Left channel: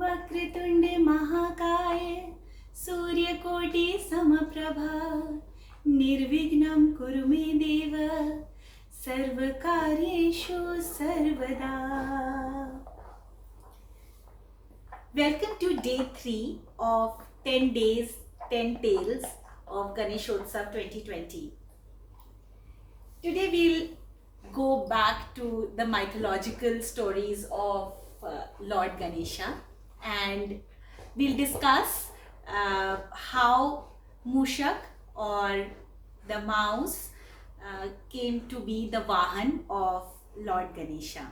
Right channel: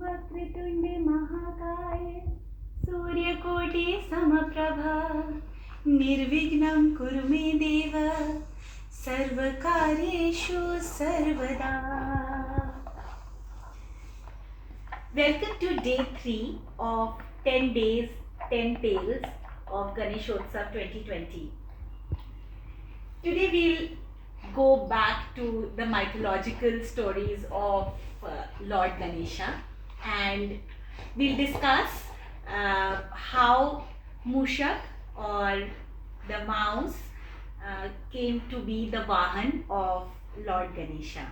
वक्रतुण्डे महाकाय सूर्यकोटि समप्रभा निर्विघ्नं कुरु मे देव सर्वकार्येषु सर्वदा. Welcome to day 3 of 10 days 10 tales of Ganeshotsav 2020. Today we'll go back to the mythological stories of Lord Ganesha, and we'll discuss how Mushak, or the mouse, came to be the Vahan of Lord Ganesha.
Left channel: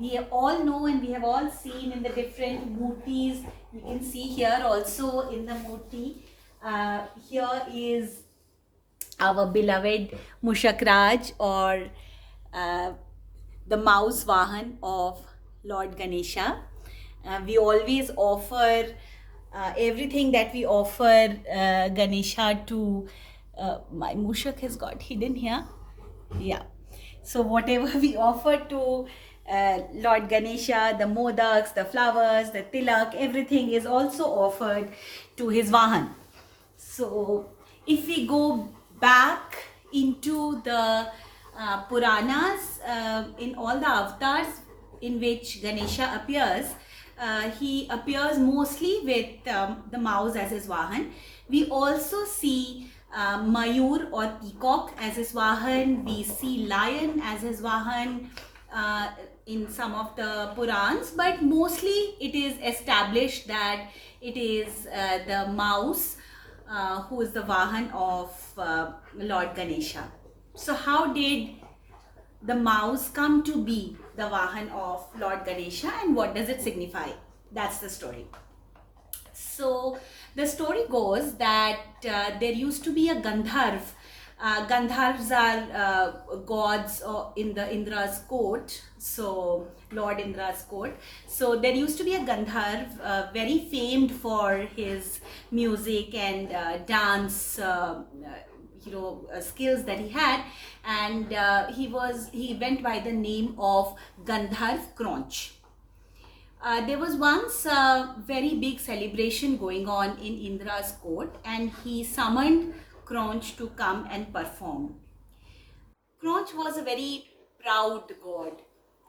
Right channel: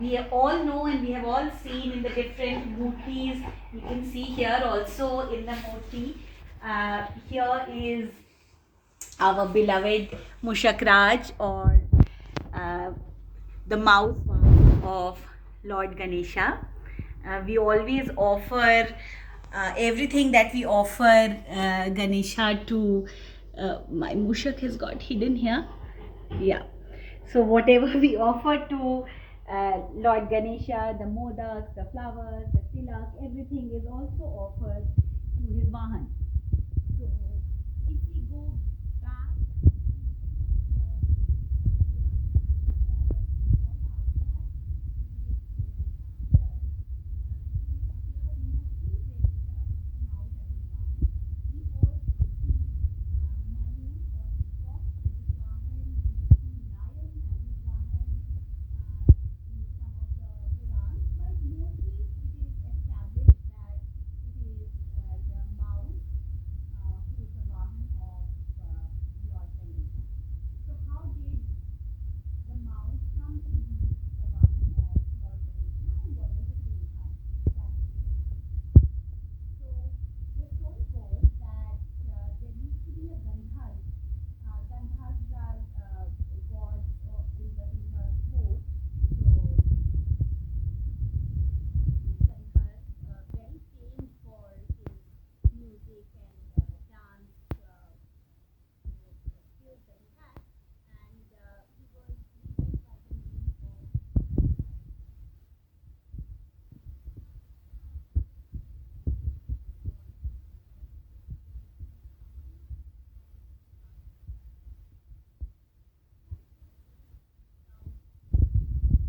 We all know and we have all seen in the different murtis. You can see here also in the murti. Here is our beloved Mushak Raj, or the mouse Vahan of Lord Ganesha. We always offer everything that we offer Ganesha to. My Mushak has got hidden here. Yeah. So whatever we offer to Lord Ganesha, the modaks, the flowers, the tilak, everything is also offered to his Vahan. So if we go back into the Puranas, in all the avatars in which Ganesha appears, he appears mostly with the mouse as his Vahan. We also see Mayur or peacock as his Vahan. We see lion as his Vahan in some of the Purans, but mostly it is established that it is the mouse who is the Vahan of Lord Ganesha. So how did the mouse come to be the Vahan of Lord Ganesha, and what does it signify? That's the story. So the story goes that there used to be a Gandharv. Gandharvs are gods in the Indra's court, so Lord Indra's court. So there used to be a Gandharv, very famed for his music and dance, skills that he had, and he went by the name of Gandharv Cronch. There was once a very big celebration going on in Indra's court, and he summoned Cronch to come and perform. Cronch was a very proud god,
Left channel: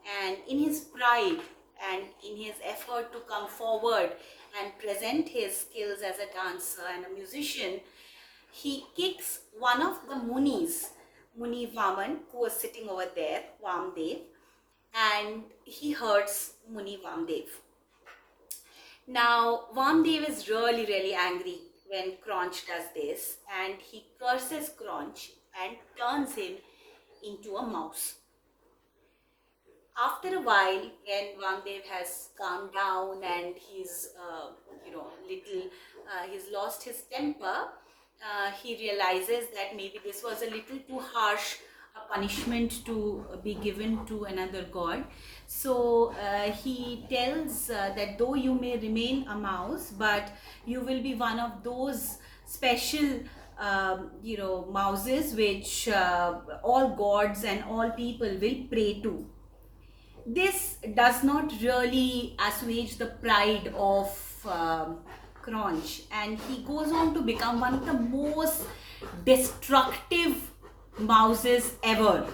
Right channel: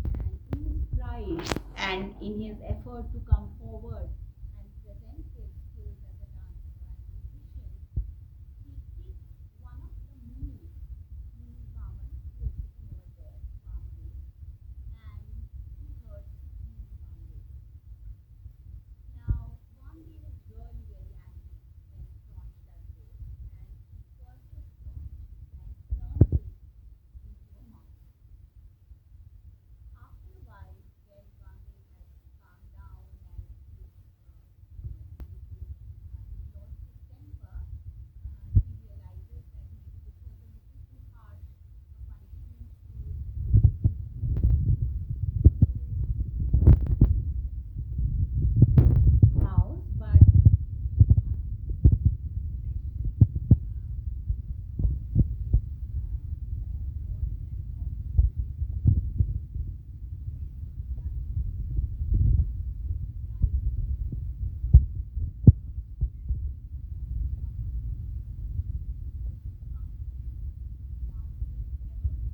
and in his pride and in his effort to come forward and present his skills as a dancer and a musician, he kicks one of the munis, Muni Vaman, who was sitting over there, Vamdev, and he hurts Muni Vamdev. Now Vamdev is really angry when Cronch does this, and he curses Cronch and turns him into a mouse. After a while, when Vamdev has calmed down and he's he's lost his temper, he realizes that maybe this was a little too harsh a punishment to be given to another god. So he tells that though you may remain a mouse, but you will be one of those special mouses which all gods and all people will pray to. This does not really assuage the pride of Cronch, and he goes on to become one of the most destructive mouses ever.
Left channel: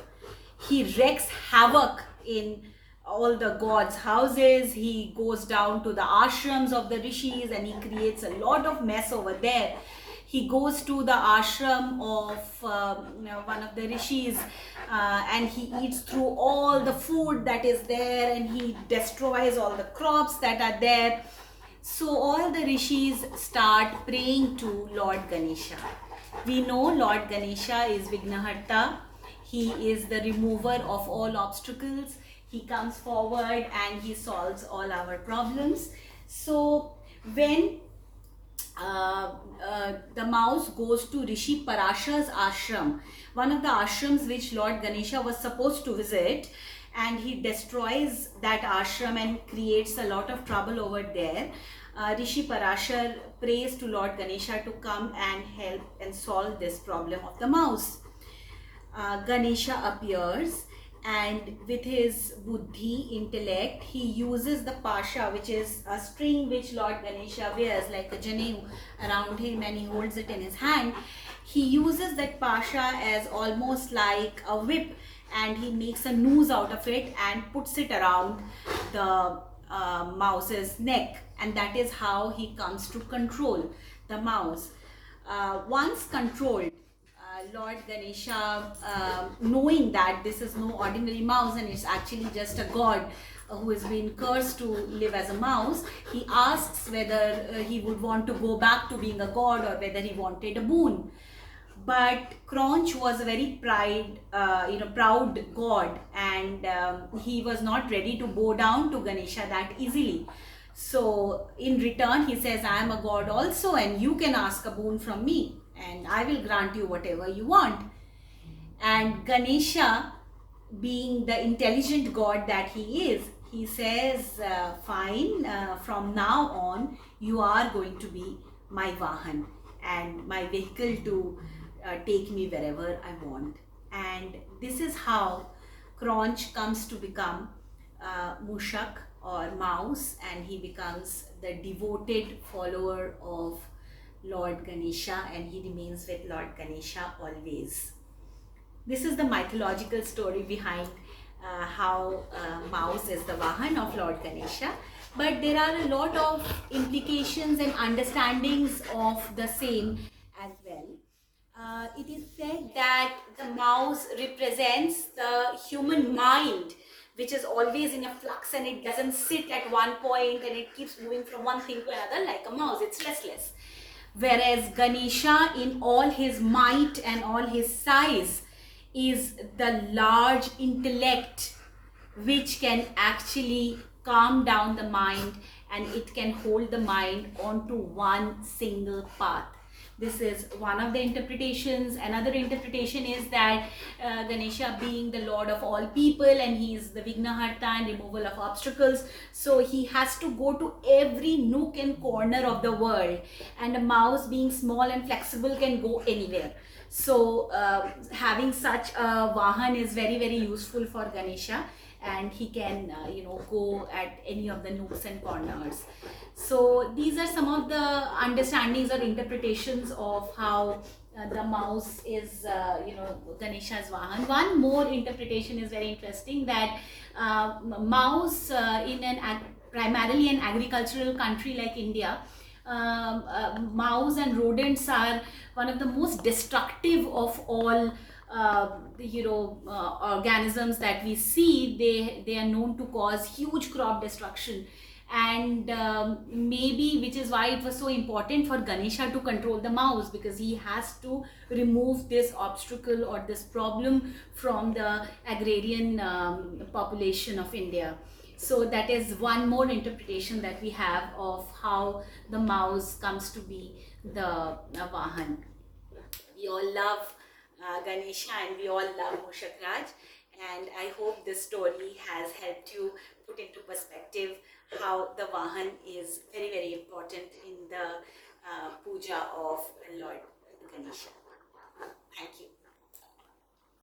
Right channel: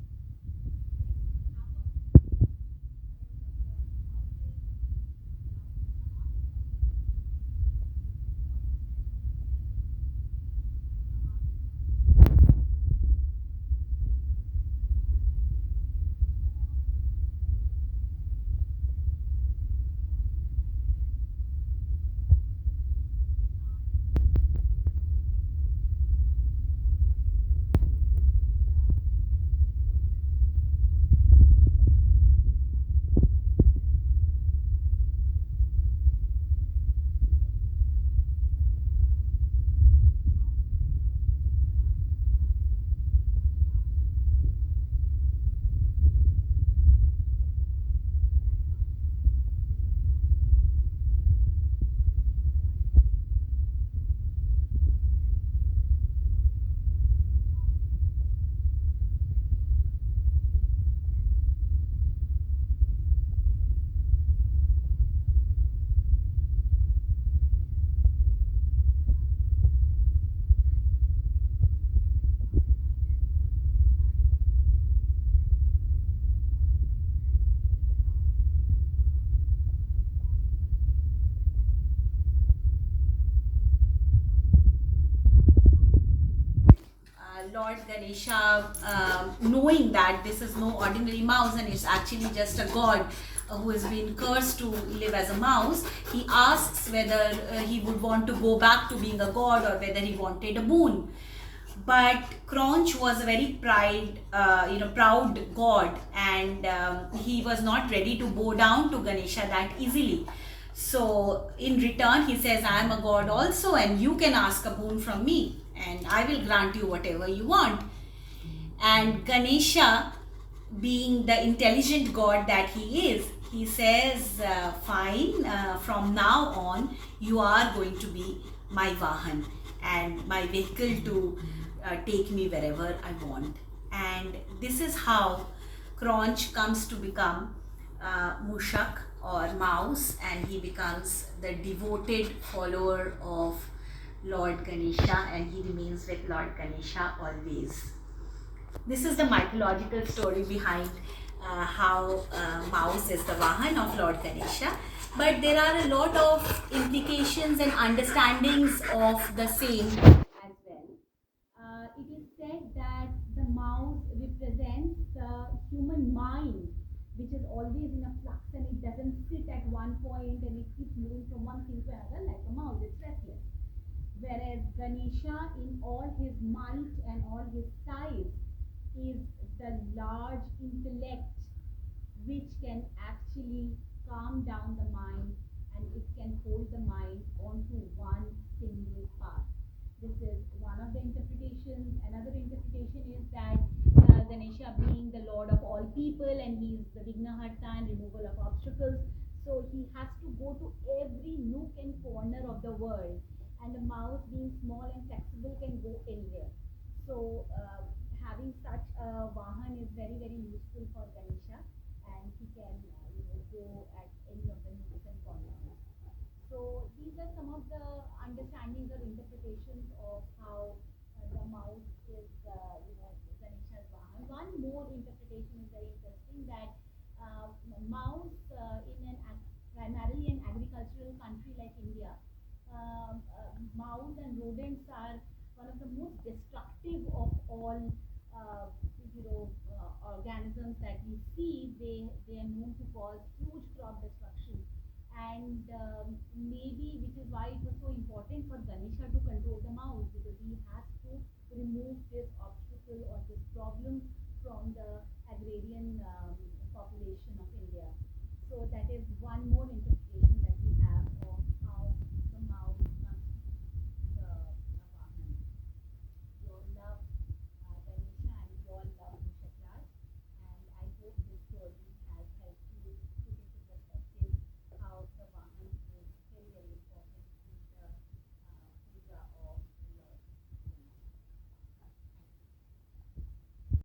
He wreaks havoc in all the gods' houses. He goes down to the ashrams of the rishis and he creates a lot of mess over there. He goes to the ashram of one of the rishis and he eats through all the food that is there, and he destroys all the crops that are there. So all the rishis start praying to Lord Ganesha. We know Lord Ganesha is Vignaharta. He is the remover of all obstacles. He comes forward and he solves all our problems. So when the mouse goes to Rishi Parashar's ashram, one of the ashrams which Lord Ganesha was supposed to visit, and he destroys that ashram and creates a lot of trouble over there. Rishi Parashar prays to Lord Ganesha to come and help and solve this problem of the mouse. Ganesha appears, and with his buddhi, intellect, he uses the pasha, which is a string which Lord Ganesha wears like a janeu around him, and he holds it in his hand. He uses that pasha as almost like a whip, and he makes a noose out of it and puts it around the mouse's neck, and that is how he comes to control the mouse. Once controlled, Lord Ganesha, knowing that this is no ordinary mouse and it's actually just a god who has been cursed to live as a mouse, he asks whether he would want to go back to being a god or whether he wanted a boon. But Cronch was a very proud god, and he was not ready to bow down to Ganesha that easily. So in return, he says, I am a god also, and you can ask a boon from me, and I will grant you whatever you want. And Ganesha, being the intelligent god that he is, he says, fine, from now on, you are going to be my Vahan and my vehicle to take me wherever I want. And this is how Cronch comes to become Mushak or mouse, and he becomes the devoted follower of Lord Ganesha, and he remains with Lord Ganesha always. This is the mythological story behind how mouse is the Vahan of Lord Ganesha. But there are a lot of implications and understandings of the same as well. It is said that the mouse represents the human mind, which is always in a flux, and it doesn't sit at one point and it keeps moving from one thing to another like a mouse. It's restless. Whereas Ganesha, in all his might and all his size, is the large intellect which can actually calm down the mind, and it can hold the mind onto one single path. This is one of the interpretations. Another interpretation is that Ganesha, being the lord of all people, and he is the Vignaharta and removal of obstacles, so he has to go to every nook and corner of the world, and a mouse, being small and flexible, can go anywhere. So having such a Vahan is very, very useful for Ganesha, and he can go at any of the nooks and corners. So these are some of the understandings or interpretations of how the mouse is Ganesha's Vahan. One more interpretation is very interesting, that mouse in primarily an agricultural country like India, mouse and rodents are one of the most destructive of all organisms that we see. They are known to cause huge crop destruction, and maybe which is why it was so important for Ganesha to control the mouse, because he has to remove this obstacle or this problem from the agrarian population of India. So that is one more interpretation that we have of how the mouse comes to be the Vahan. We all love Ganesha, and we all love Mushak Raj, and I hope this story has helped you